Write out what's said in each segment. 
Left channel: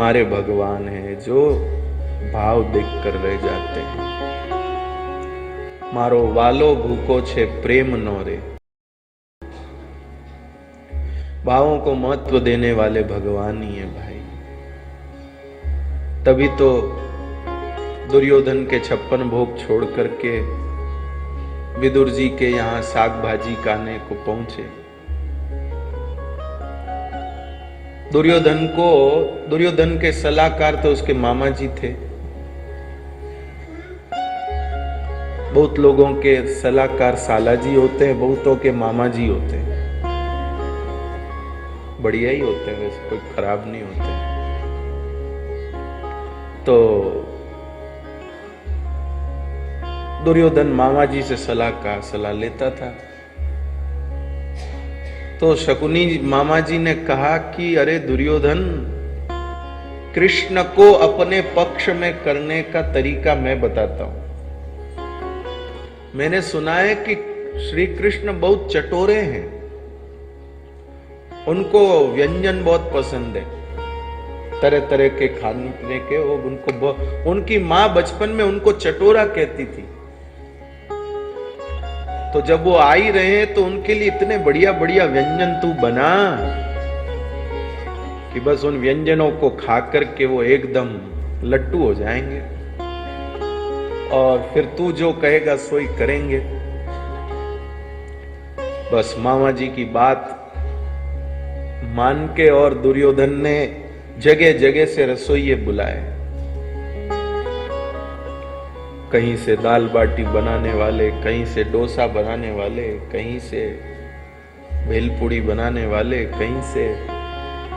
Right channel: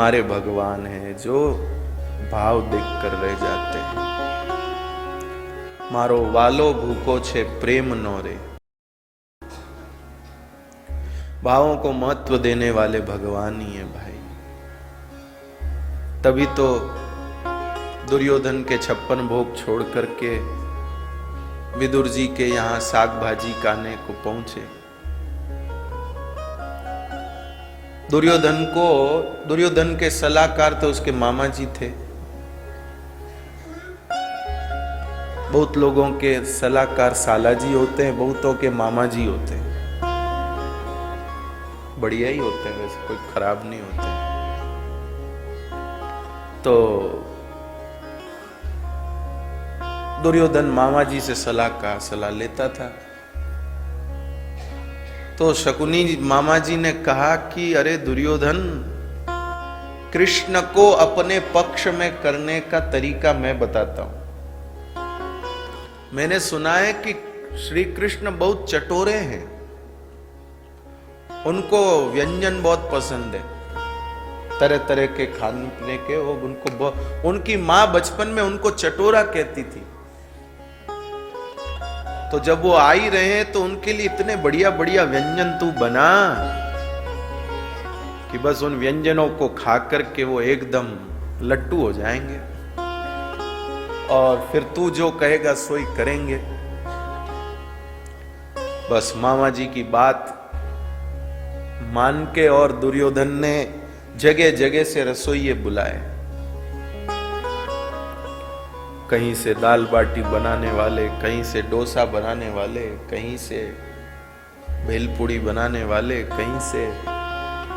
हमारे भगवान हैं जो भाव देखकर रह जाते हैं। मारो वालो भूखो छे प्रेम नो रे। भावों को महत्व देने वाले भगवान ही है भाई। तभी तो दुर्योधन के 56 भोग छोड़ करके विदुर जी के यहाँ साग भाजी खाने को पहुंचे। दुर्योधन के सलाहकार तो उसके मामा जी थे। बहुत लोगों के सलाहकार साला जी होते हैं, बहुतों के मामा जी होते हैं। बढ़िया ही होते हैं, वैसे कोई खराब नहीं होते। तो दुर्योधन मामा जी से सलाह लेता था। तो शकुनी मामा जी ने कहा कि अरे दुर्योधन, कृष्ण को अपने पक्ष में करने का तरीका मैं बताता हूं। मैंने सुना है कि श्री कृष्ण बहुत चटोरे हैं, उनको व्यंजन बहुत पसंद है, तरह तरह के खाने पीने के। उनकी माँ बचपन में उनको चटोरा कहती थी। तो जब वो आ ही रहे तो उनके लिए इतने बढ़िया बढ़िया व्यंजन तू बना कि बस उन व्यंजनों को खा करके वो एकदम लट्टू हो जाएंगे और फिर तू जो कहेगा सो ही करेंगे। बस मामा जी की बात मान के और दुर्योधन ने जगह जगह से रसोइये बुलाए। कहीं से दाल बाटी बनाने वाले, कहीं से डोसा बनाने वाले, कहीं से भेलपुड़ी बनाने वाले, कहीं से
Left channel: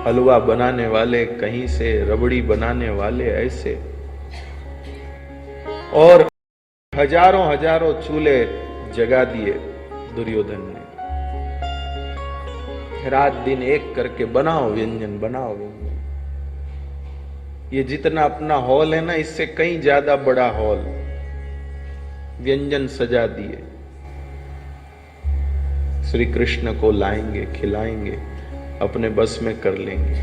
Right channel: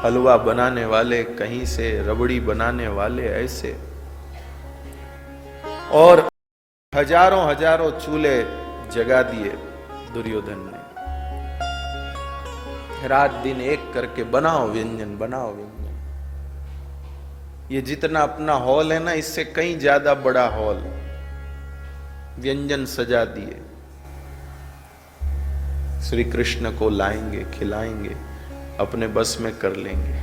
हलवा बनाने वाले, कहीं से रबड़ी बनाने वाले, ऐसे। और हजारों हजारों चूल्हे जगा दिए दुर्योधन ने। रात दिन एक करके बनाओ व्यंजन, बनाओ व्यंजन। ये जितना अपना हॉल है ना, इससे कहीं ज्यादा बड़ा हॉल व्यंजन सजा दिए। श्री कृष्ण को लाएंगे, खिलाएंगे, अपने बस में कर लेंगे।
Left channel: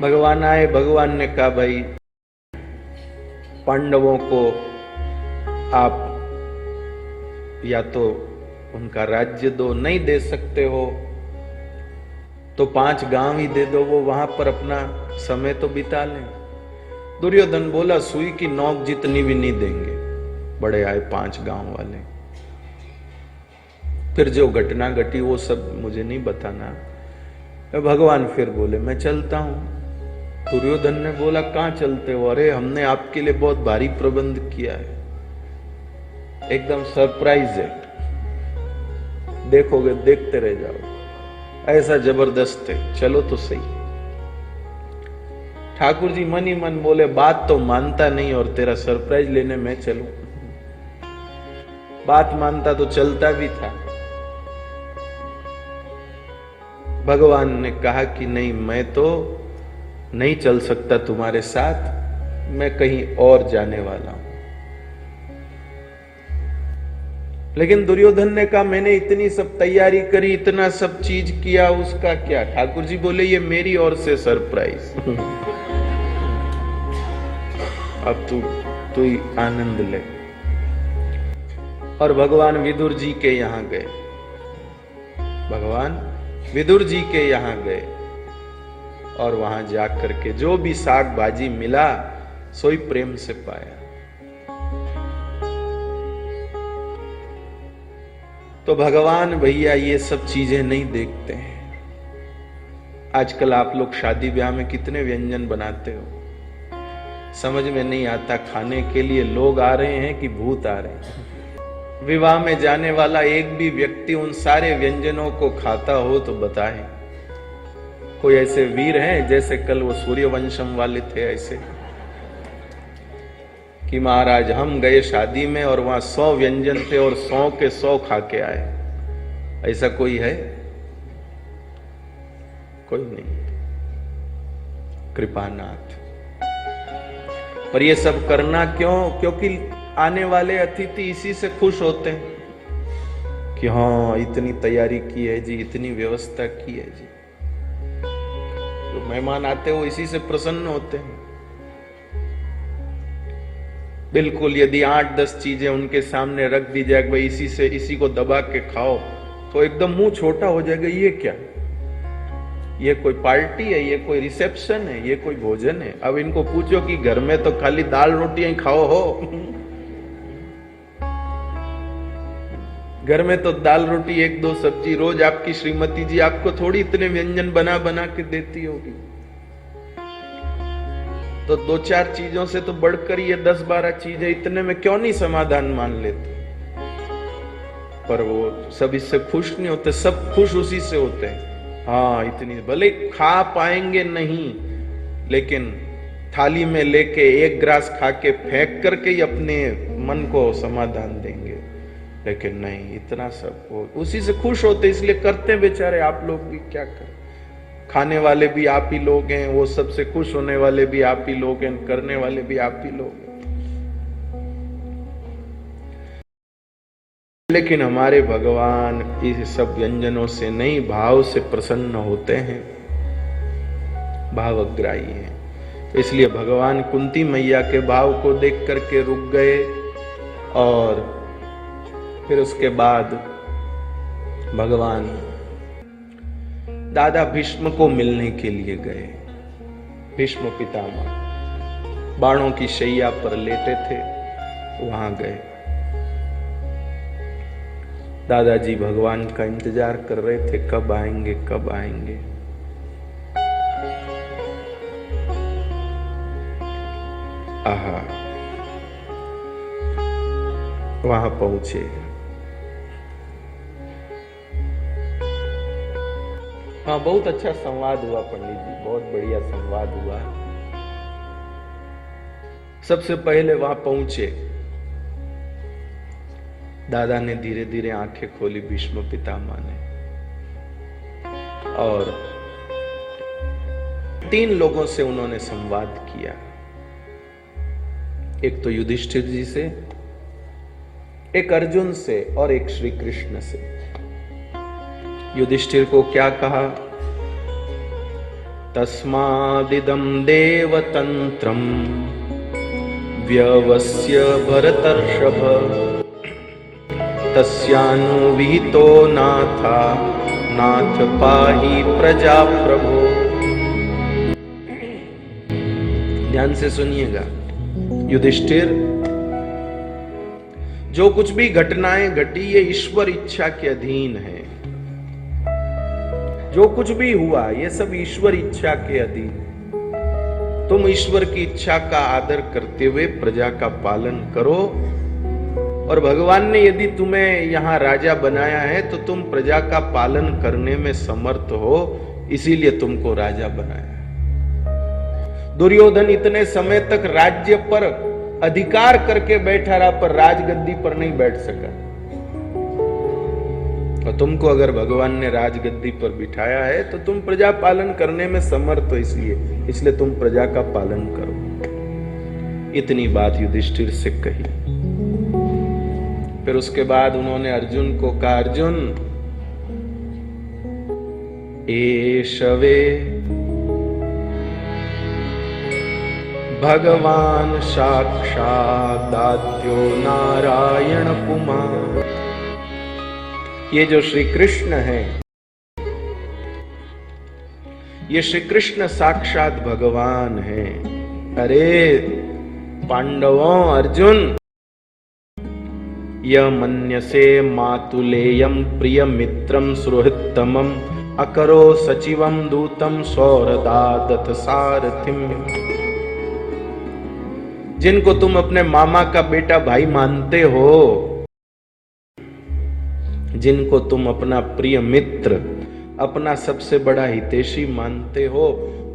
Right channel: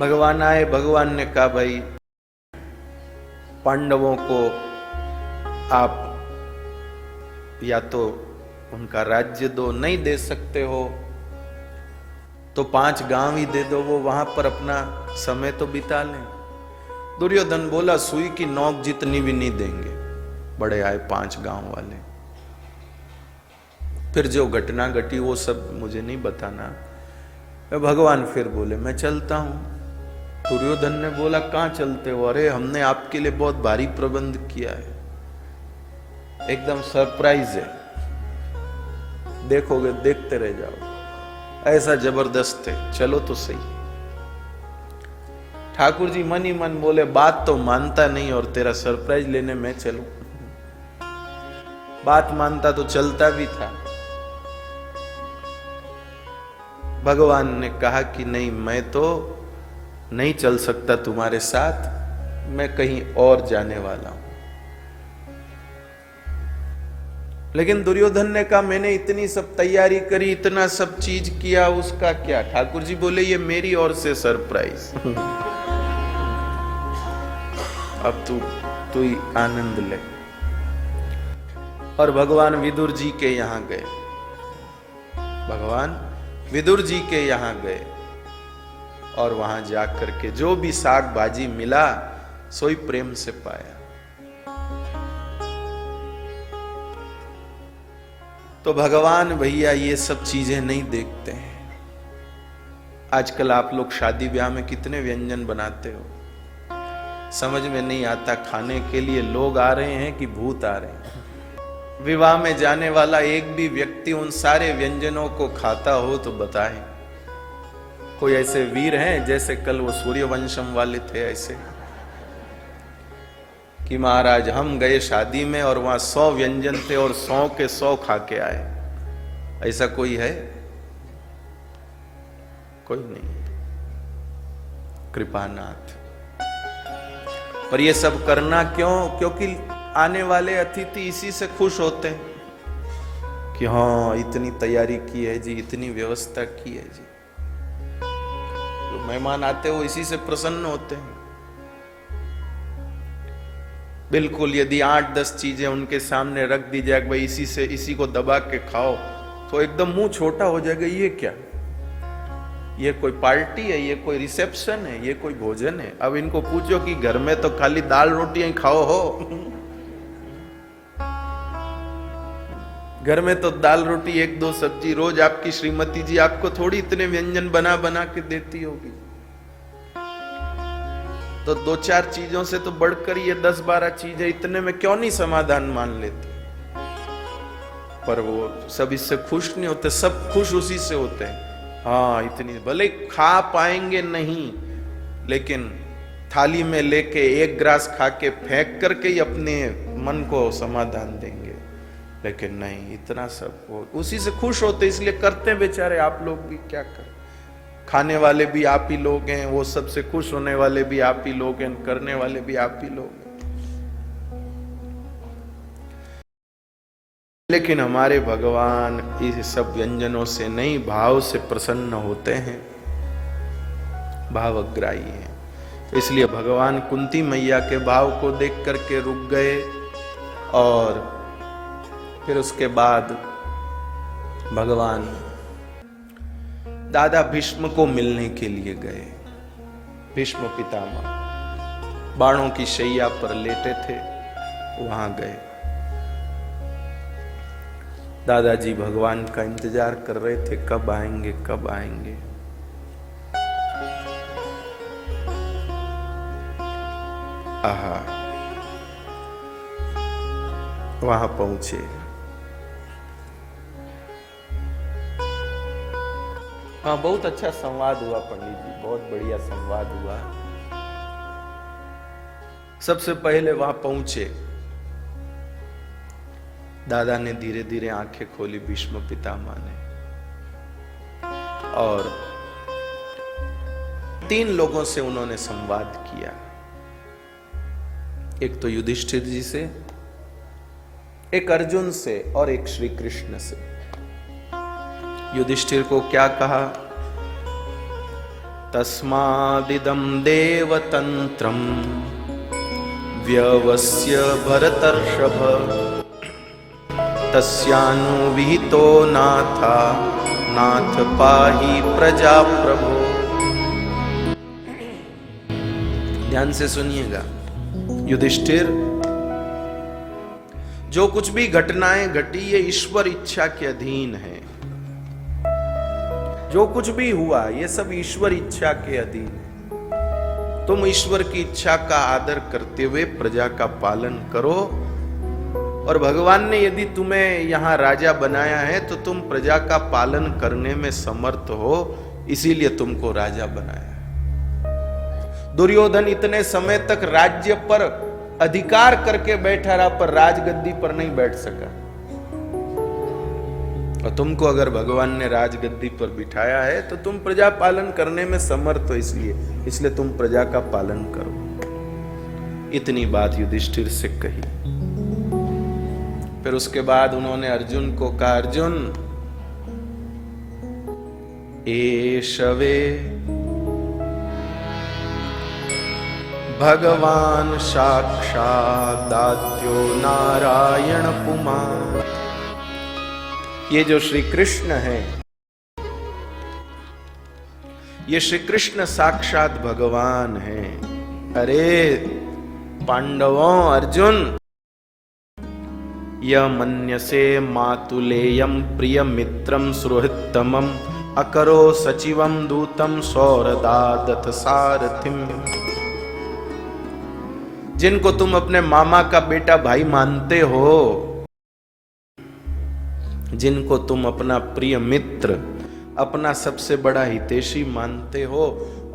भगवान आए। भगवान ने कहा भाई, पांडवों को आप या तो उनका राज्य दो, नहीं दे सकते हो तो 5 गांव ही दे दो, वो वहां पर अपना समय तो बिता लें। दुर्योधन बोला सुई की नोक जितनी भी नहीं देंगे। बड़े आए 5 गांव वाले। फिर जो घटना घटी वो सब मुझे नहीं बताना। भगवान फिर बोले मैं चलता हूं। दुर्योधन ने बोला कहां चलते हो? अरे हमने आपके लिए बहुत भारी प्रबंध किया है, एकदम सरप्राइज है, देखोगे देखते रह जाओ, ऐसा जबरदस्त है, चलो तो सही। ठाकुर जी मन ही मन बोले बात तो मानता नहीं और तेरा सरप्राइज लेने में चलूं। बात मानता तो चलता भी था। भगवान ने कहा कि नहीं, मैं तो नहीं चल सकता तुम्हारे साथ, मैं कहीं और जाने वाला हूं। लेकिन दुर्योधन ने कहा मैंने इतनी सब तैयारी करी, इतना सब चीज किया, उसका क्या? ठाकुर जी बोले ये मेरी ओर से सरप्राइज। अब तू ही आनंद ले। और भगवान विदुर जी के यहाँ गए। भगवान विदुर जी के यहाँ गए और वहां जाकर के जो भी साग भाजी मिला सोई प्रेम से पाया। तो भगवान भैया ये सब चीजें नहीं देखते हैं। आजकल आप लोग शादी ब्याह में कितने व्यंजन बनाते हो, समझ में नहीं आता। खाने के लिए लोग आ रहे हैं कि भूत आ रहे हैं। विवाह में जाने वाला एक भी व्यक्ति उन सारे व्यंजनों को खाता हो तो बताए। कोई ऐसे वीर हैं जैसे कल वो सूर्यवंशम वाले थे, ऐसे कि महाराज हम गए शादी में और वहां 100 व्यंजन थे और 100 के 100 खा के आए। ऐसा कोई है? कोई नहीं। कृपानाथ। पर ये सब करना क्यों? क्योंकि आने वाले अतिथि इसी से खुश होते हैं कि हाँ इतनी तैयारी की है जी, इतनी व्यवस्था की है जी। मेहमान आते वो इसी से प्रसन्न होते हैं। बिल्कुल, यदि 8-10 चीजें उनके सामने रख दी जाए, भाई इसी को दबा के खाओ, तो एकदम मुंह छोटा हो जाएगा। ये क्या, ये कोई पार्टी है, ये कोई रिसेप्शन है, ये कोई भोजन है? अब इनको पूछो कि घर में तो खाली दाल रोटी ही खाओ हो। घर में तो दाल रोटी 1-2 सब्जी रोज आपकी श्रीमती जी आपको थोड़ी इतने व्यंजन बना बना के देती होगी। तो 2-4 चीजों से तो बढ़कर ये 10-12 चीजें, इतने में क्यों नहीं समाधान मान लेते? पर वो सब इससे खुश नहीं होते, सब खुश उसी से होते हैं। हाँ, इतनी भले खा पाएंगे नहीं, लेकिन थाली में लेके 1 ग्रास खा के फेंक करके ही अपने मन को समाधान देंगे। लेकिन नहीं, इतना सब उसी से खुश होते, इसलिए करते बेचारे। आप लोग भी क्या करें, खाने वाले भी आप ही लोग हैं, वो सबसे खुश होने वाले भी आप ही लोग हैं, करने वाले भी आप ही लोग हैं। लेकिन हमारे भगवान ये सब व्यंजनों से नहीं, भाव से प्रसन्न होते हैं, भावग्राही हैं। इसलिए भगवान कुंती मैया के भाव को देख करके रुक गए और फिर उसके बाद भगवान दादा भीष्म को मिलने के लिए गए। भीष्म पितामह बाणों की शैया पर लेटे थे, वहां गए। दादाजी भगवान का इंतजार कर रहे थे, कब आएंगे कब आएंगे। आहा, वहां पहुंचे। हाँ, बहुत अच्छा संवाद हुआ पंडित जी, बहुत बढ़िया संवाद हुआ। सबसे पहले वहां पहुंचे, दादा ने धीरे धीरे आंखें खोली, भीष्म पितामह ने, और 3 लोगों से उन्होंने संवाद किया। एक तो युधिष्ठिर जी से, एक अर्जुन से और एक श्री कृष्ण से। युधिष्ठिर को क्या कहा? तस्मादिदं देवतंत्रं व्यवस्य भरतर्षभ तस्यानुविहितो नाथा नाथ पाहि प्रजा प्रभो। ध्यान से सुनिएगा। युधिष्ठिर, जो कुछ भी घटनाएं घटी ये ईश्वर इच्छा के अधीन है। जो कुछ भी हुआ ये सब ईश्वर इच्छा के अधीन है। तुम ईश्वर की इच्छा का आदर करते हुए प्रजा का पालन करो, और भगवान ने यदि तुम्हें यहाँ राजा बनाया है तो तुम प्रजा का पालन करने में समर्थ हो, इसीलिए तुमको राजा बनाया। दुर्योधन इतने समय तक राज्य पर अधिकार करके बैठा रहा, पर राजगद्दी पर नहीं बैठ सका। और तुमको अगर भगवान ने राजगद्दी पर बिठाया है तो तुम प्रजा पालन करने में समर्थ हो, इसलिए तुम प्रजा का पालन करो। इतनी बात युधिष्ठिर से कही। फिर उसके बाद उन्होंने अर्जुन को कहा, अर्जुन एषवे भगवान साक्षात् आद्यो नारायण पुमान्। ये जो श्री कृष्ण है, ये श्री कृष्ण साक्षात भगवान है। अरे पांडवों, अर्जुन, यमन्यसे मातुलेयं प्रिय मित्रं सुहृत्तमं अकरो सचिवं दूतं सौरदादत सारथिं। जिनको तुम अपने मामा का बेटा भाई मानते हो, जिनको तुम अपना प्रिय मित्र, अपना सबसे बड़ा हितैषी मानते हो,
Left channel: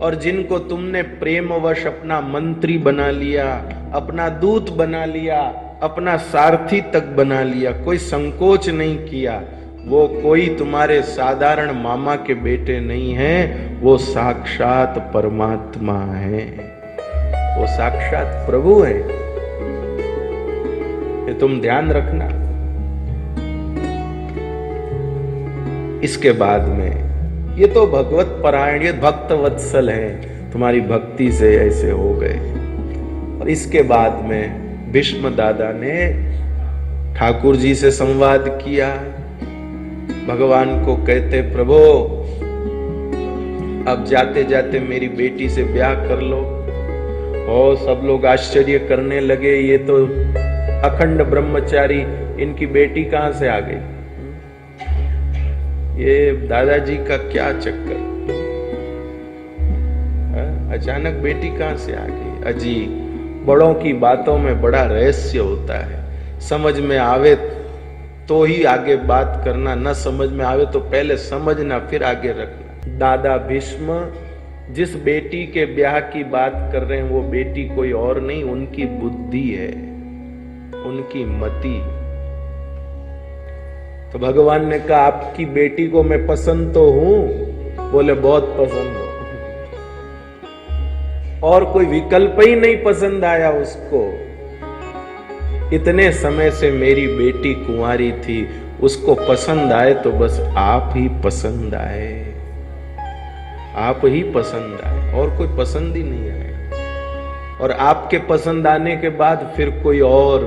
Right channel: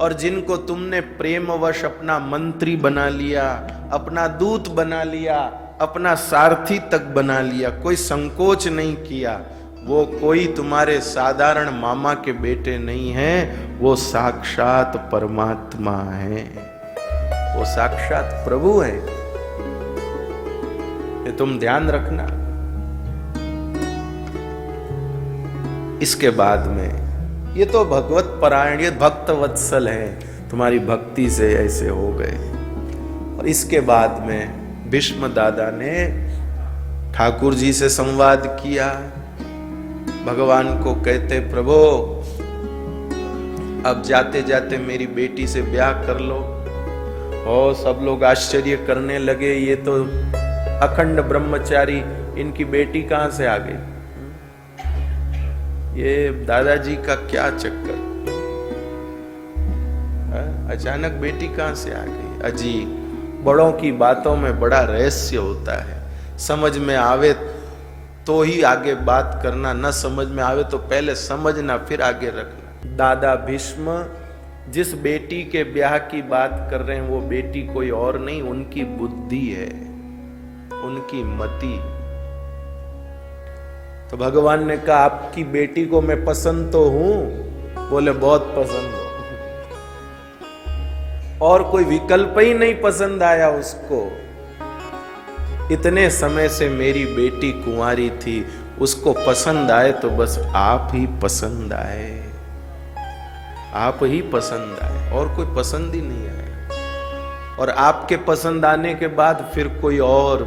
और जिनको तुमने प्रेमवश अपना मंत्री बना लिया, अपना दूत बना लिया, अपना सारथी तक बना लिया, कोई संकोच नहीं किया, वो कोई तुम्हारे साधारण मामा के बेटे नहीं है, वो साक्षात परमात्मा है, वो साक्षात प्रभु है। ये तुम ध्यान रखना। इसके बाद में ये तो भगवत परायण, ये भक्त वत्सल है, तुम्हारी भक्ति से ऐसे हो गए। और इसके बाद में भीष्म दादा ने ठाकुर जी से संवाद किया। भगवान को कहते, प्रभु अब जाते जाते मेरी बेटी से ब्याह कर लो। और सब लोग आश्चर्य करने लगे, ये तो अखंड ब्रह्मचारी, इनकी बेटी कहां से आ गई? ये दादाजी का क्या चक्कर, अचानक बेटी कहां से आ गई? अजी, बड़ों की बातों में बड़ा रहस्य होता है। समझ में आवे तो ही आगे बात करना, न समझ में आवे तो पहले समझना फिर आगे रखना। दादा भीष्म जिस बेटी के ब्याह की बात कर रहे हैं वो बेटी कोई और नहीं, उनकी बुद्धि है, उनकी मति। तो भगवान ने कहा, आपकी बेटी को मैं पसंद तो हूं? बोले बहुत पसंद हो। और कोई विकल्प ही नहीं पसंद आया उसको। इतने समय से मेरी बेटी कुंवारी थी, उसको पसंद आए तो बस आप ही पसंद आए, आप ही पसंद आए, और कोई पसंद ही नहीं आया। और आपके पसंद आने के बाद फिर कोई और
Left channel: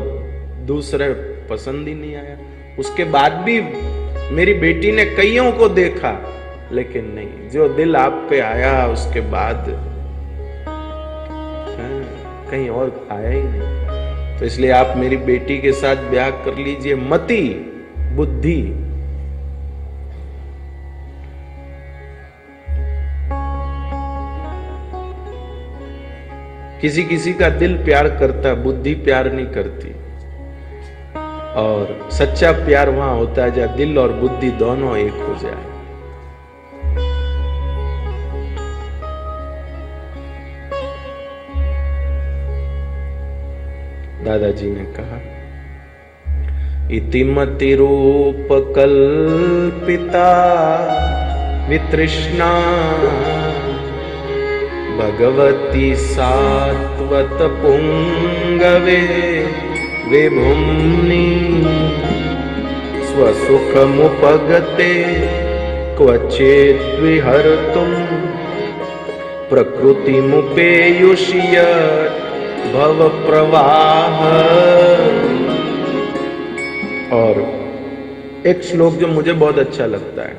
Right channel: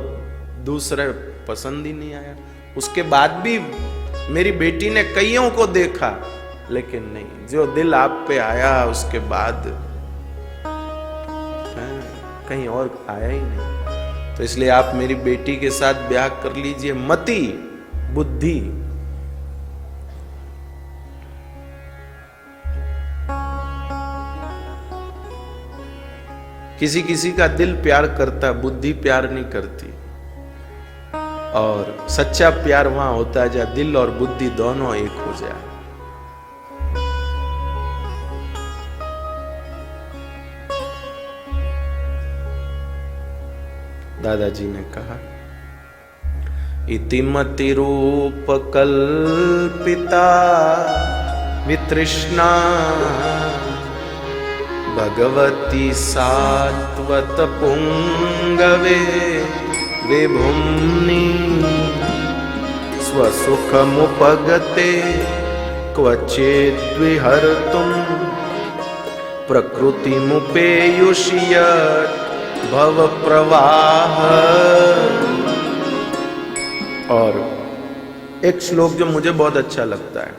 दूसरे पसंद ही नहीं आया। उसके बाद भी मेरी बेटी ने कईयों को देखा, लेकिन नहीं, जो दिल आप पे आया उसके बाद कहीं और आया ही नहीं। तो इसलिए आप मेरी बेटी के साथ ब्याह कर लीजिए। मति, बुद्धि। किसी किसी का दिल प्यार करता, बुद्धि प्यार नहीं करती। और सच्चा प्यार वहां होता है जहां दिल और बुद्धि दोनों एक हो जाए। दादाजी ने कहा, इतिमति रूप कल्पिता वितृष्णा भगवती सात्वत पुंगवे विभुम्नि स्वसुखमुपगते क्वचिद् विहर्तुं प्रकृतिमुपेयुष्य भव प्रवाह। और एक श्लोक जो मुझे बहुत अच्छा लगता है,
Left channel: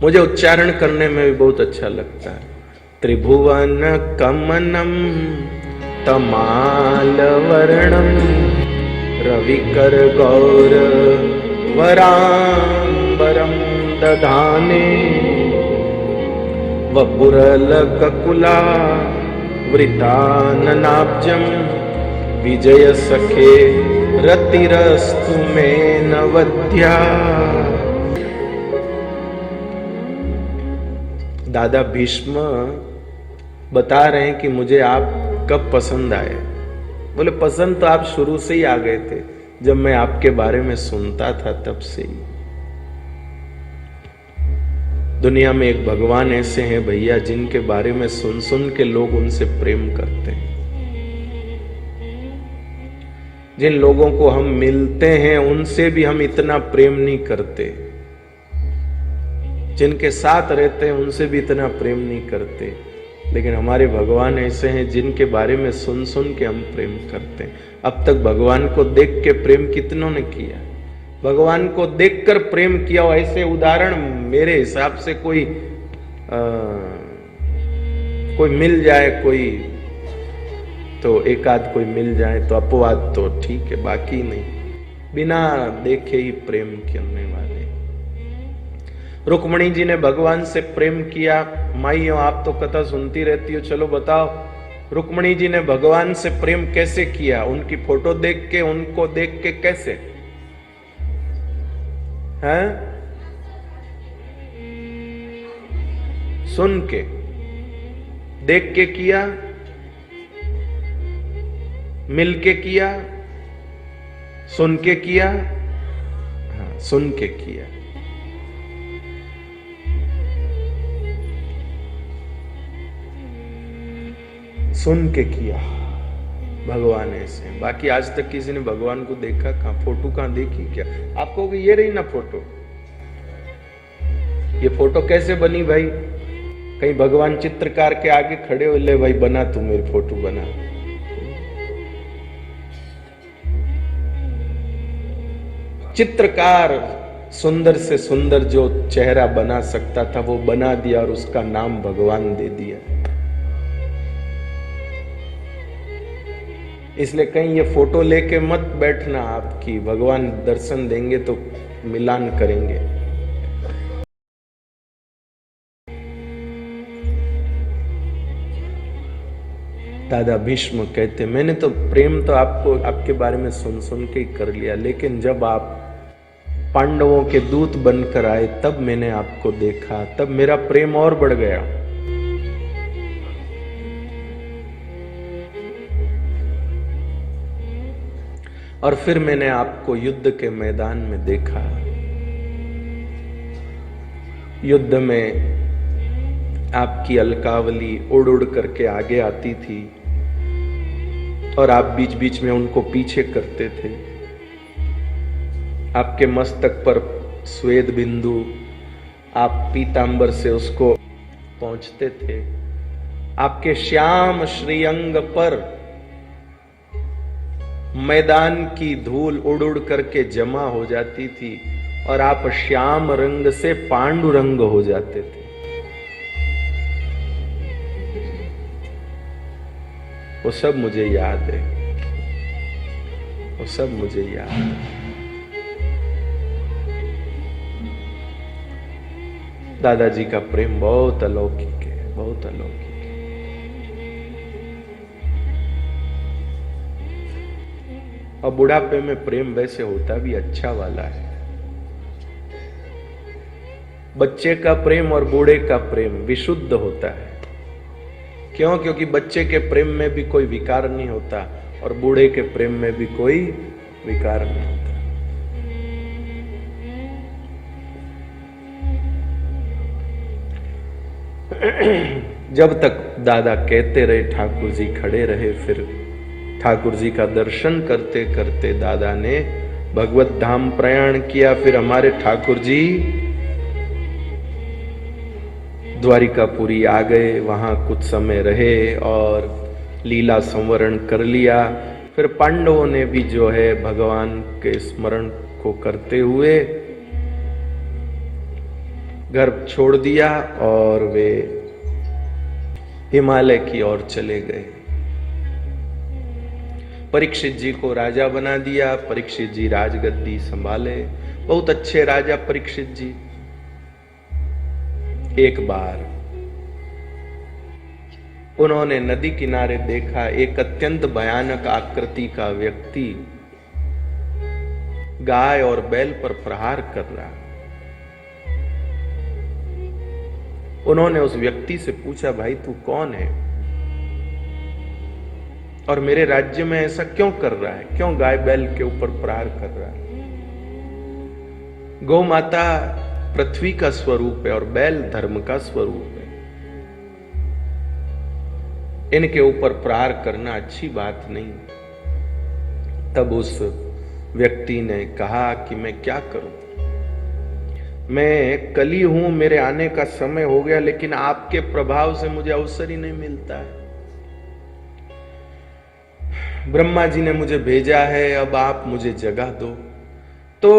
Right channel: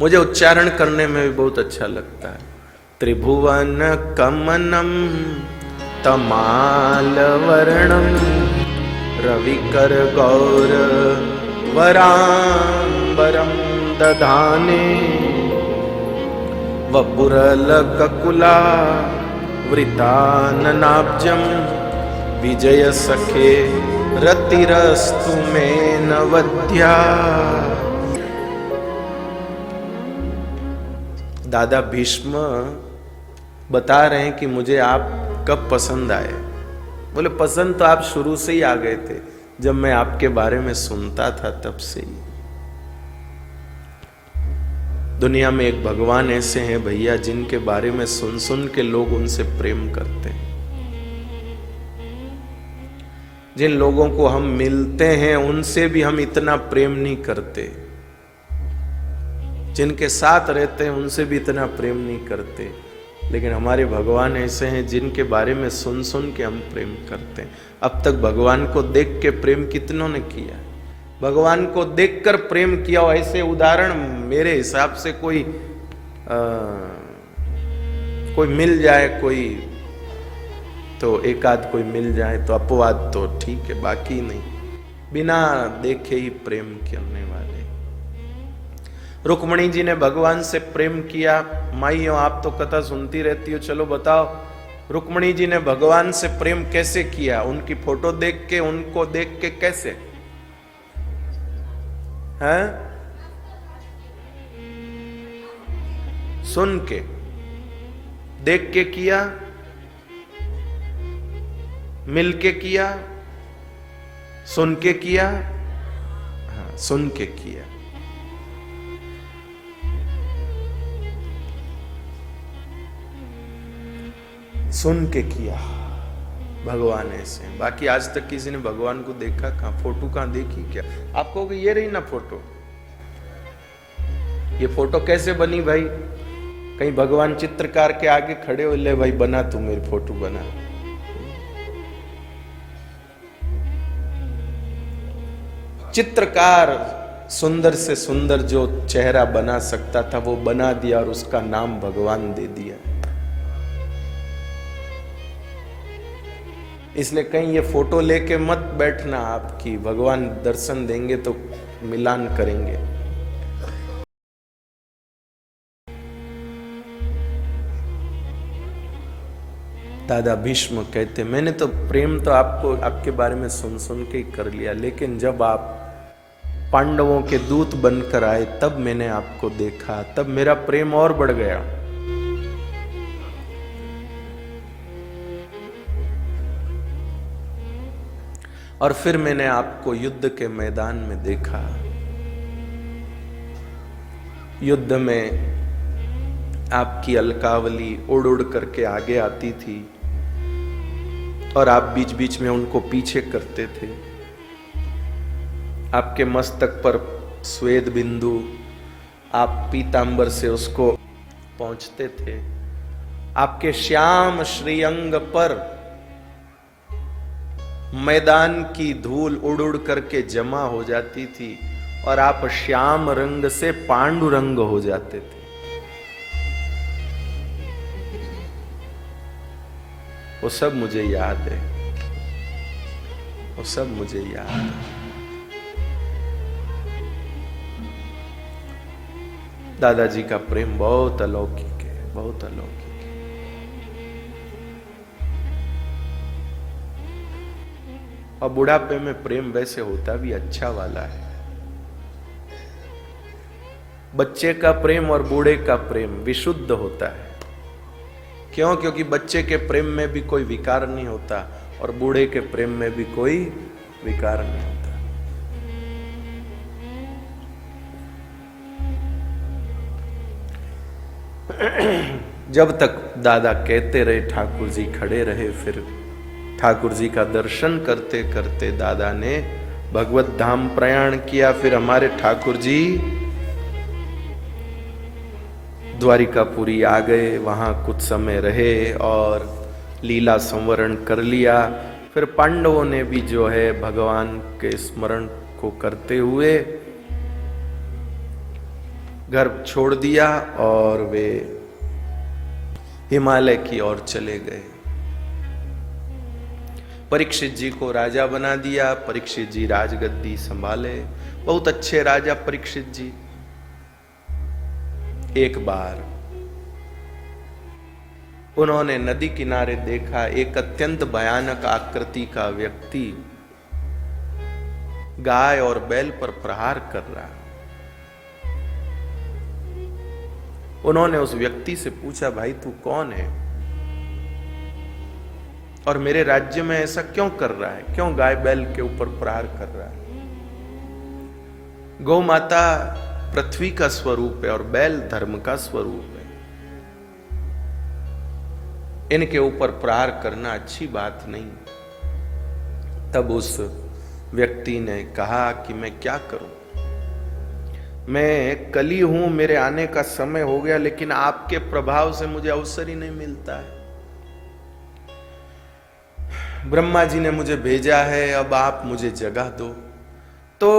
मुझे उच्चारण करने में भी बहुत अच्छा लगता है। त्रिभुवन कमनम तमाल वर्णम रविकर गौर वरांबरम दधाने वपुरलककुला वृताननाब्जं विजय सखे रतिरस्तु मे नवद्या। दादा भीष्म बता रहे हैं कि मुझे आप कब पसंद आए। बोले पसंद तो आप शुरू से ही आ गए थे, जब मैं आपके बारे में सुनता था तब से ही। दुनिया में एक भगवान ऐसे हैं भैया, जिनके बारे में सुन सुन के लोग उनसे प्रेम करते हैं। जिन लोगों को हम मिलते हैं उनसे भी हम इतना प्रेम नहीं करते, जिनके साथ रहते हैं उनसे भी इतना प्रेम नहीं करते। लेकिन हमारे भगवान ऐसे हैं जिनके बारे में सुन सुन के हम प्रेम करते हैं। अब तक भगवान को देख के प्रेम कितनों ने किया? भगवान को देखकर प्रेम किया। ऐसे उदाहरण मेरे हिसाब से कोई मिल जाए, कोई तो एक आध कोई मिल जाए तो अपवाद तो ठीक है, बाकी नहीं। बिना देखे ही प्रेम करने वाले। रुक्मणी जी ने भगवान से प्रेम किया। माइयों आप तो कथा सुनती रहती हो, चलो बताओ रुक्मणी जी ने भगवान से प्रेम कैसे किया? उनकी फोटो देख के, उनको देख के कैसे? हैं? सुन के, देख के किया, मिल के किया, सुन के किया? हाँ, सुन के किया। सुन के किया भगवान ऐसे। बाकी आज तक किसी ने भगवान को देखा कहां? फोटो कहां देखी? क्या आपको ये रही ना फोटो? ये फोटो कैसे बनी भाई? कहीं भगवान चित्रकार के आगे खड़े हो, ले भाई बना, तू मेरी फोटो बना। चित्रकार सुंदर से सुंदर जो चेहरा बना सकता था वो बना दिया और उसका नाम भगवान दे दिया। इसलिए कहीं ये फोटो लेके मत बैठना, आपकी भगवान दर्शन देंगे तो मिलान करेंगे। दादा भीष्म कहते, मैंने तो प्रेम तो आपको आपके बारे में सुन सुन के ही कर लिया, लेकिन जब आप पांडवों के दूत बनकर आए तब मैंने आपको देखा, तब मेरा प्रेम और बढ़ गया। और फिर मैंने आपको युद्ध के मैदान में देखा। युद्ध में आपकी अलकावली उड़ उड़ करके आगे आती थी और आप बीच बीच में उनको पीछे करते थे। आपके मस्तक पर श्वेत बिंदु, आप पीतांबर से उसको पहुंचते थे। आपके श्याम श्रीअंग पर मैदान की धूल उड़ उड़ करके जमा हो जाती थी और आप श्याम रंग से पांडु रंग हो जाते थे। वो सब मुझे याद है, वो सब मुझे याद है। दादाजी का प्रेम बहुत अलौकिक है, बहुत अलौकिक है। और बुढ़ापे में प्रेम वैसे होता भी अच्छा वाला है। बच्चे का प्रेम और बूढ़े का प्रेम विशुद्ध होता है। क्यों? क्योंकि बच्चे के प्रेम में भी कोई विकार नहीं होता और बूढ़े के प्रेम में भी कोई विकार नहीं होता। जब तक दादा कहते रहे ठाकुर जी खड़े रहे। फिर ठाकुर जी का दर्शन करते करते दादा ने भगवत धाम प्रयाण किया। फिर हमारे ठाकुर जी द्वारिकापुरी आ गए, वहां कुछ समय रहे और लीला संवरण कर लिया। फिर पांडवों ने भी जो है भगवान के स्मरण को करते हुए घर छोड़ दिया और वे हिमालय की ओर चले गए। परीक्षित जी को राजा बना दिया। परीक्षित जी राजगद्दी संभाले। बहुत अच्छे राजा परीक्षित जी। एक बार उन्होंने नदी किनारे देखा एक अत्यंत भयानक आकृति का व्यक्ति गाय और बैल पर प्रहार कर रहा। उन्होंने उस व्यक्ति से पूछा, भाई तू कौन है और मेरे राज्य में ऐसा क्यों कर रहा है? क्यों गाय बैल के ऊपर प्रहार कर रहा है? गौ माता पृथ्वी का स्वरूप है और बैल धर्म का स्वरूप है। इनके ऊपर प्रहार करना अच्छी बात नहीं। तब उस व्यक्ति ने कहा कि मैं क्या करूं? मैं कली हूं, मेरे आने का समय हो गया, लेकिन आपके प्रभाव से मुझे अवसर ही नहीं मिलता है। ब्रह्मा जी ने मुझे भेजा है, अब आप मुझे जगह दो। तो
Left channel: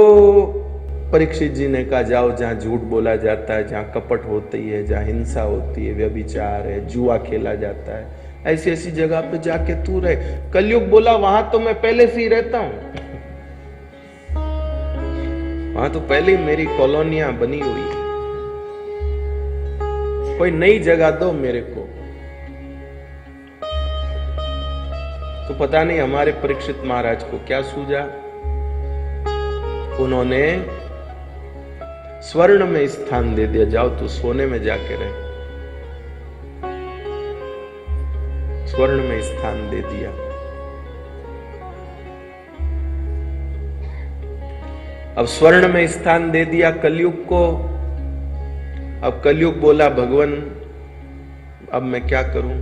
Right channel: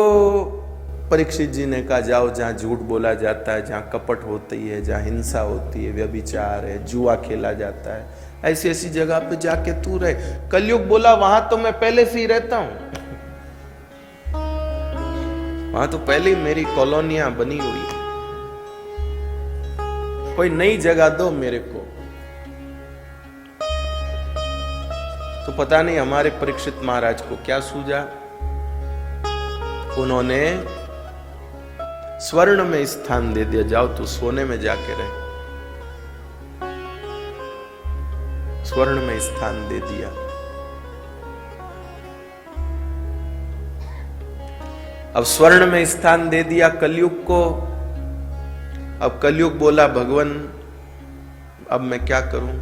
परीक्षित जी ने कहा, जाओ जहां झूठ बोला जाता है, जहां कपट होती है, जहां हिंसा होती है, व्यभिचार है, जुआ खेला जाता है, ऐसी ऐसी जगह पे जाके तू रहे। कलयुग बोला, वहां तो मैं पहले से ही रहता हूं, वहां तो पहले ही मेरी कॉलोनियां बनी हुई है, कोई नई जगह दो मेरे को। तो पता नहीं हमारे परीक्षित महाराज को क्या सूझा। उन्होंने स्वर्ण में स्थान दे दिया, जाओ तू सोने में जाके रहे। स्वर्ण में स्थान दे दिया। अब स्वर्ण में स्थान दे दिया कलयुग को। अब कलयुग बोला, भगवान अब मैं क्या करूं?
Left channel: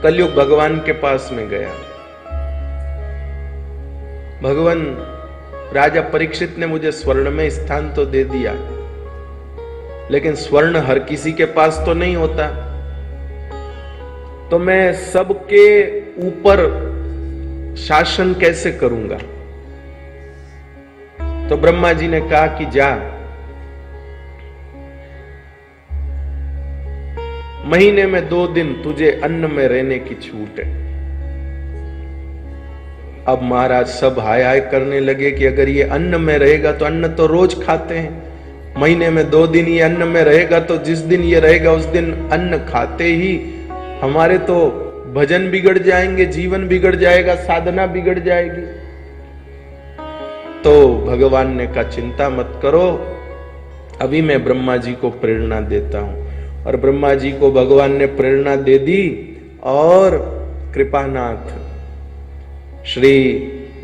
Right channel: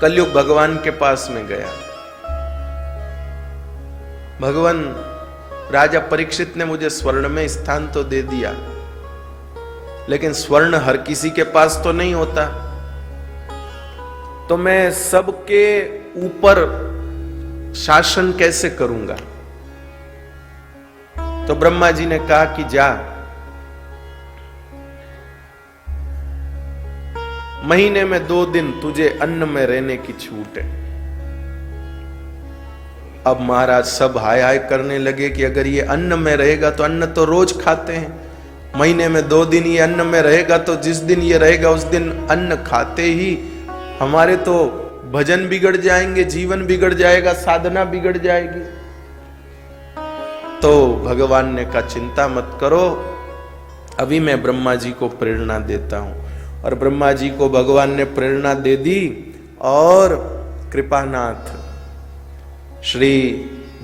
कलयुग भगवान के पास में गया। भगवान, राजा परीक्षित ने मुझे स्वर्ण में स्थान तो दे दिया, लेकिन स्वर्ण हर किसी के पास तो नहीं होता। तो मैं सबके ऊपर शासन कैसे करूंगा? तो ब्रह्मा जी ने कहा कि जा, महीने में 2 दिन तुझे अन्न में रहने की छूट है। अब महाराज सब हाय हाय करने लगे कि अगर ये अन्न में रहेगा तो अन्न तो रोज खाते हैं, महीने में 2 दिन ये अन्न में रहेगा तो जिस दिन ये रहेगा उस दिन अन्न खाते ही हमारे तो भजन बिगड़ जाएंगे, जीवन बिगड़ जाएगा, साधना बिगड़ जाएगी। तो भगवान ने कहा चिंता मत करो, अभी मैं ब्रह्मा जी को प्रेरणा देता हूं। और ब्रह्मा जी को भगवान ने प्रेरणा दे दी और कृपानाथ श्री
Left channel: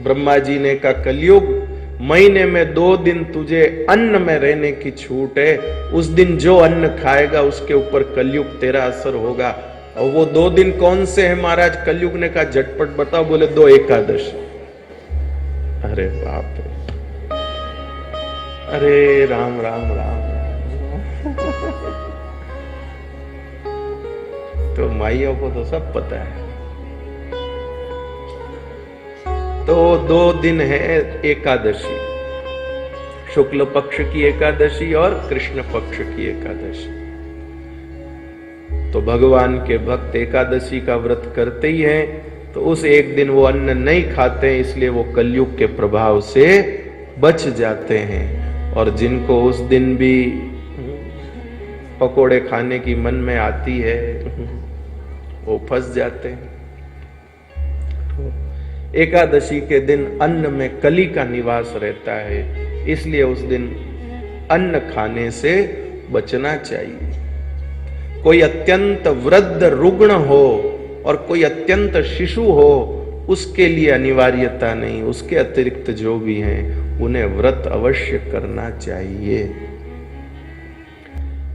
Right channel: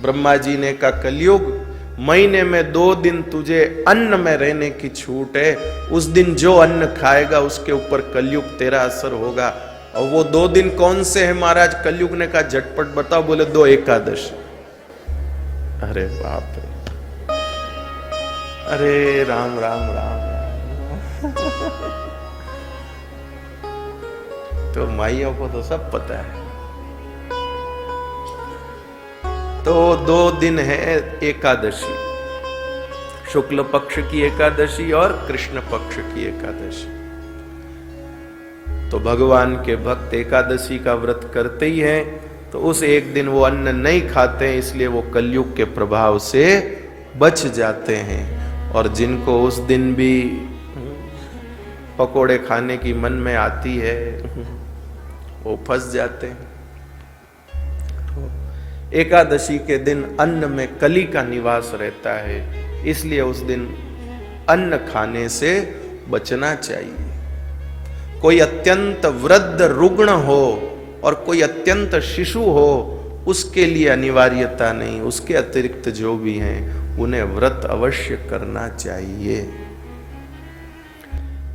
ब्रह्मा जी ने कहा कलयुग, महीने में 2 दिन तुझे अन्न में रहने की छूट है, उस दिन जो अन्न खाएगा उसके ऊपर कलयुग तेरा असर होगा। और वो 2 दिन कौन से हैं महाराज? कलयुग ने कहा झटपट बताओ। बोले 2 एकादशी। अरे बाप रे, अरे राम राम राम राम। तो माइयों को तो सब पता है। तो 2 दिन है एकादशी, शुक्ल पक्ष की एकादशी और कृष्ण पक्ष की एकादशी। तो भगवान के भक्त एकादशी का व्रत करते ही हैं, तो उस एक दिन वो अन्न नहीं खाते हैं, इसलिए वो कलयुग के प्रभाव से बच जाते हैं। और जिनको उस दिन भी पकोड़े खाने की मन में आती है वो फंस जाते हैं। एकादशी के दिन अन्न में कली का निवास रहता है, इसलिए उस दिन अन्न खाने से बचना चाहिए। कोई अत्यंत वृद्ध रुग्ण हो और कोई अत्यंत शिशु हो, उसके लिए अनिवार्यता नहीं, उसके अतिरिक्त जो भी हैं उन्हें व्रत अवश्य करना चाहिए।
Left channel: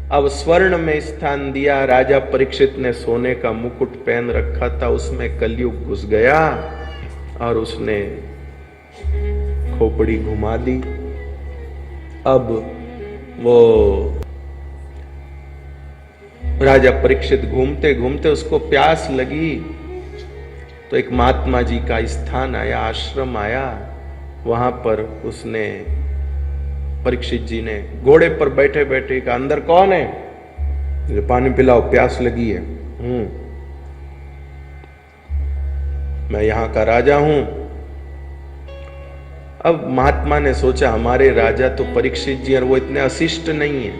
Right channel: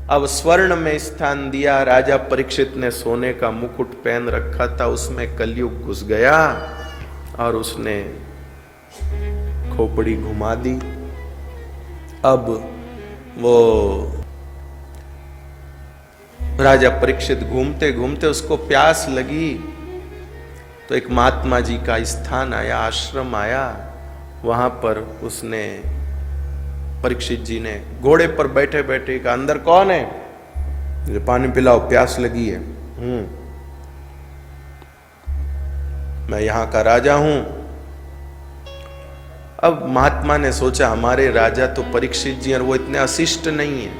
अब स्वर्ण में स्थान दिया। राजा परीक्षित ने सोने का मुकुट पहन रखा था, उसमें कलयुग घुस गया और उसने खोपड़ी घुमा दी। अब वो राजा परीक्षित घूमते घूमते उसको प्यास लगी, तो एक महात्मा जी का स्थान आया, आश्रम आया। वहां पर उसने परीक्षित जी ने घोड़े पर बैठे बैठे कहा अंदर कौन है? मुझे पानी पिलाओ, प्यास लगी है। मैं यहाँ का राजा हूं। अब महात्मा ने सोचा हमारे राजा तो परीक्षित जी और वो इतने अशिष्ट नहीं है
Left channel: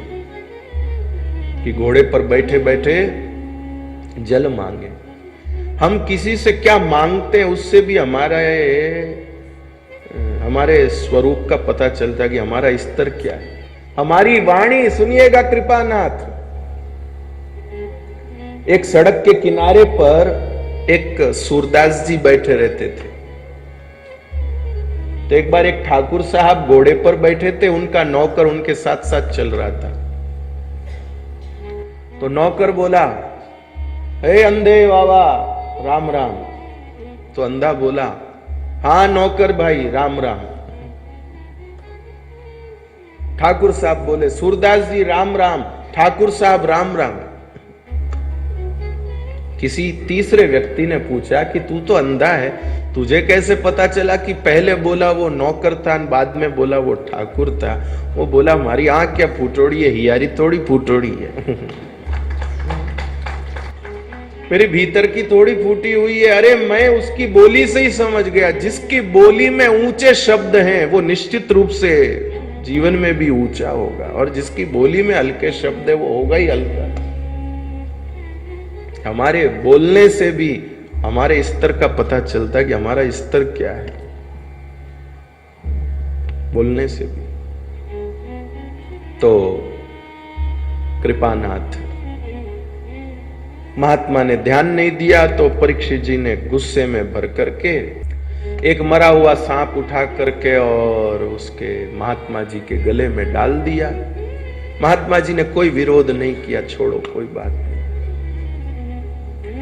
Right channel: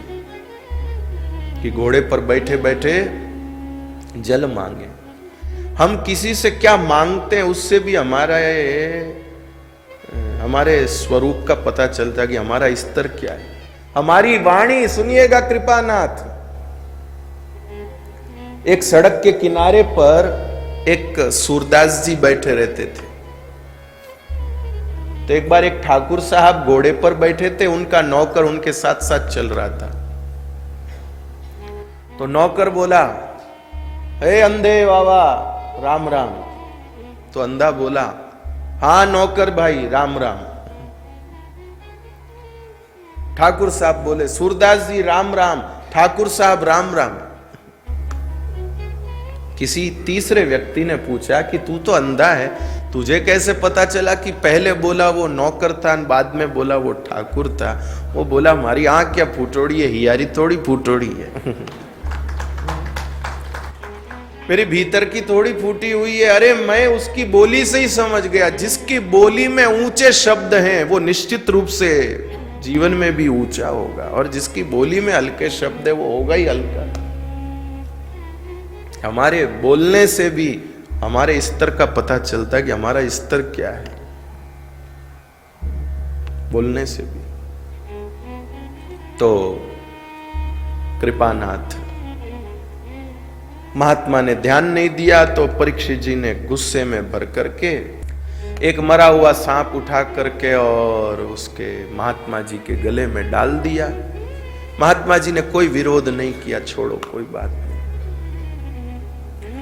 कि घोड़े पर बैठे बैठे जल मांगे। हम किसी से क्या मांगते हैं उससे भी हमारे स्वरूप का पता चलता है कि हमारा स्तर क्या है। हमारी वाणी सुनिएगा कृपानाथ। एक सड़क के किनारे पर एक सूरदास जी बैठे रहते थे। तो एक बार एक ठाकुर साहब घोड़े पर बैठे थे, उनका नौकर उनके साथ साथ चल रहा था। तो नौकर बोला, हे अंधे बाबा राम राम। तो अंधा बोला, हाँ नौकर भाई राम राम। ठाकुर साहब बोले, सूरदास जी राम राम। ठाकुर साहब राम राम। किसी तीसरे व्यक्ति ने पूछा कि तू तो अंधा है, तुझे कैसे पता चला कि पहले बोला वो नौकर था बाद में बोला वो ठाकुर था? वो बोला हमारी आंख क्या फूटोड़ी है, हियारी थोड़ी फूटोड़ी है। मेरे भीतर की थोड़ी फूटी हुई है। अरे मैं उसकी बोली से ही समझ गया, जिसकी बोली में ऊंचे शब्द हैं वो निश्चित रूप से जीवन में भी ऊंचा होगा, और जिसकी बोली में हल्के शब्द है वो होगा ही हल्का। हमारे बोलने से भी हमारे स्तर का पता चलता है कि हमारा स्तर क्या है, बोलने से भी। तो कृपानाथ महात्मा ने ध्यान नहीं दिया, तो परीक्षित जी ने गुस्से में भर करके एक मरा हुआ सांप उठा करके और उसके महात्मा जी के गले में डाल दिया। महात्मा जी ने कोई विरोध नहीं किया, छोड़ो कोई बात नहीं।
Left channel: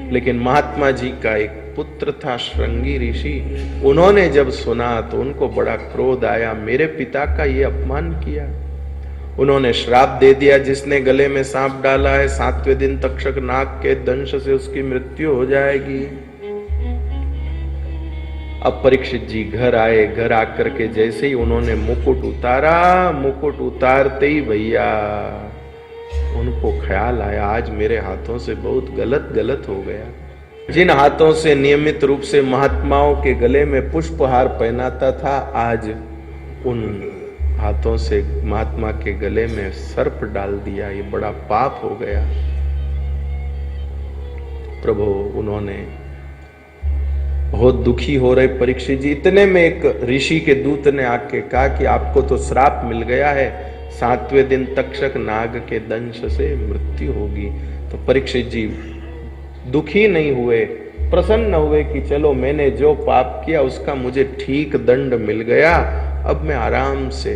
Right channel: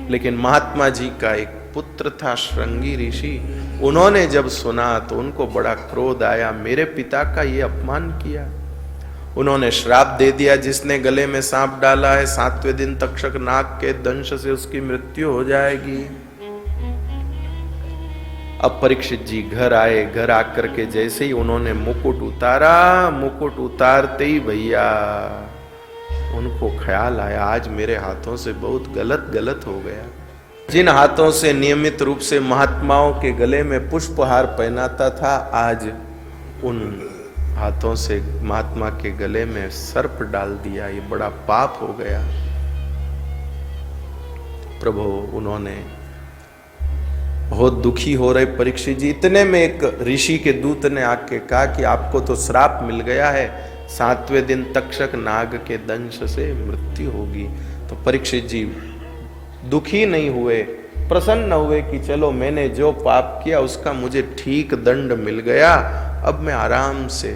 लेकिन महात्मा जी का एक पुत्र था श्रृंगी ऋषि, उन्होंने जब सुना तो उनको बड़ा क्रोध आया, मेरे पिता का ये अपमान किया। उन्होंने श्राप दे दिया, जिसने गले में सांप डाला है 7वें दिन तक्षक नाग के दंश से उसकी मृत्यु हो जाएगी। अब परीक्षित जी घर आए। घर आकर के जैसे ही उन्होंने मुकुट उतारा, मुकुट उतारते ही भैया उनको ख्याल आया, आज मेरे हाथों से बहुत गलत हो गया। जिन हाथों से नियमित रूप से महात्माओं के गले में पुष्पहार पहनाता था, आज उन हाथों से महात्मा के गले में सर्प डाल दिया। ये बड़ा पाप हो गया। प्रभु उन्होंने बहुत दुखी हो रहे परीक्षित जी। इतने में एक ऋषि के दूत ने आके कहा कि आपको तो श्राप मिल गया है, 7वें दिन तक्षक नाग के दंश से मृत्यु होगी। तो परीक्षित जी दुखी नहीं हुए, प्रसन्न हुए कि चलो मैंने जो पाप किया उसका मुझे ठीक दंड मिल गया। अब मैं आराम से,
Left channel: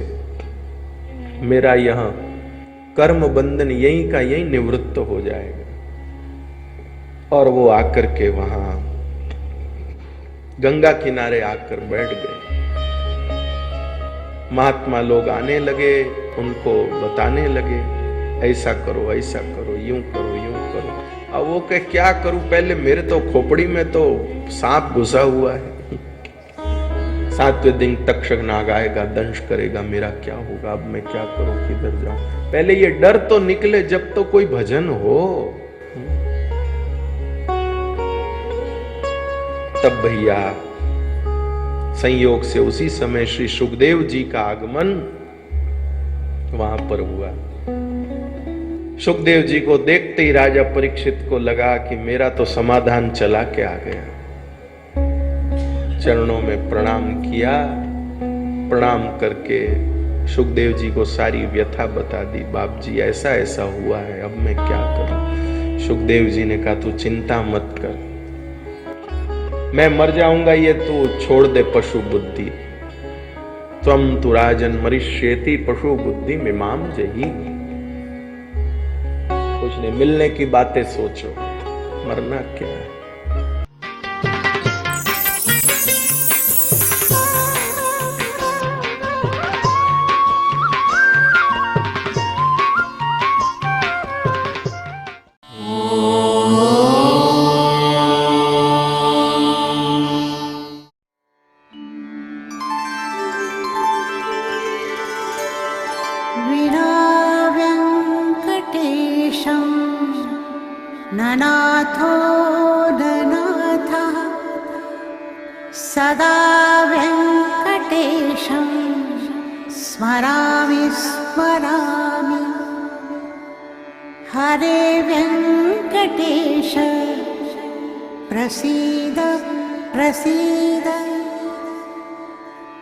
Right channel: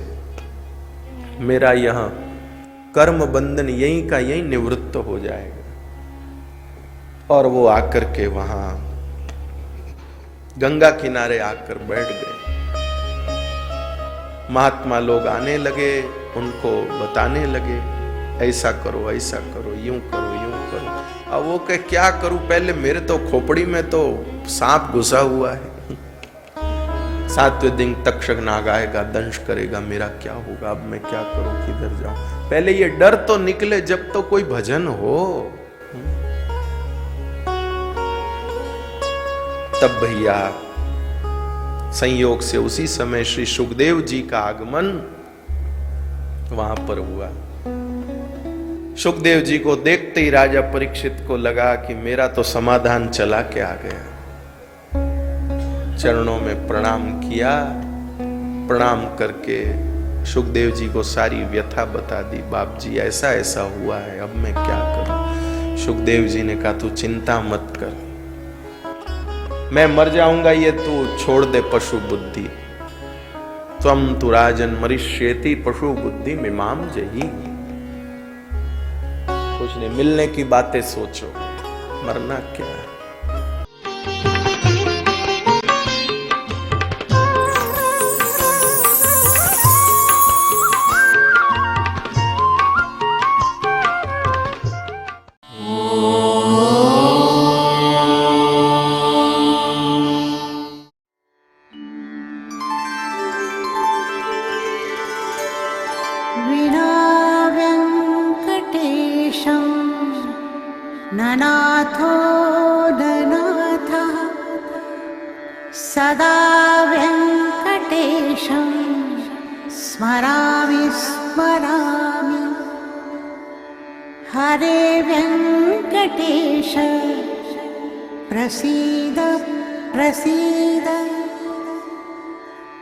मेरा यह कर्म बंधन यही का यही निवृत्त हो जाएगा। और वो आकर के वहां गंगा किनारे आकर बैठ गए। महात्मा लोग आने लगे, उनको बताने लगे, ऐसा करो, यूं करो। अब वो कहे क्या करूं, पहले मेरे तो खोपड़ी में तो सांप घुसा हुआ है, 7वें दिन तक्षक नाग आएगा, दंश करेगा, मेरा क्या होगा, अब मैं क्या करूं, किधर जाऊं। पहले ये डर तो निकले जब तो कोई भजन हो। तब भैया संयोग से उसी समय श्री सुखदेव जी का आगमन वहां पर हुआ। सुखदेव जी को देखते ही राजा परीक्षित को लगा कि मेरा तो समाधान चला के आ गया। चरणों में प्रणाम किया, प्रणाम करके सुखदेव जी को सारी व्यथा बता दी। बाप जी ऐसा ऐसा हुआ है, अब मैं क्या करूं। सुखदेव जी ने कहा तू चिंता मत कर, मैं मर जाऊंगा ये तू छोड़ दे पशु बुद्धि। त्वं तु राजन मरिष्येति पशु बुद्धि मिमाम जयी। कुछ नहीं, मिलने की बातें सोचो, मरना क्या है। ननाथो ननाथः सदा वेङ्कटेशं स्मरामि स्मरामि। हरे वेङ्कटेश प्रसीद प्रसीद।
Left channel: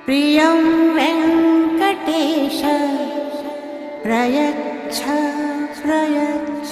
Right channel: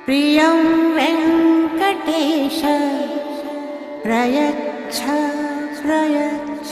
प्रियं वेङ्कटेश प्रयच्छ प्रयच्छ।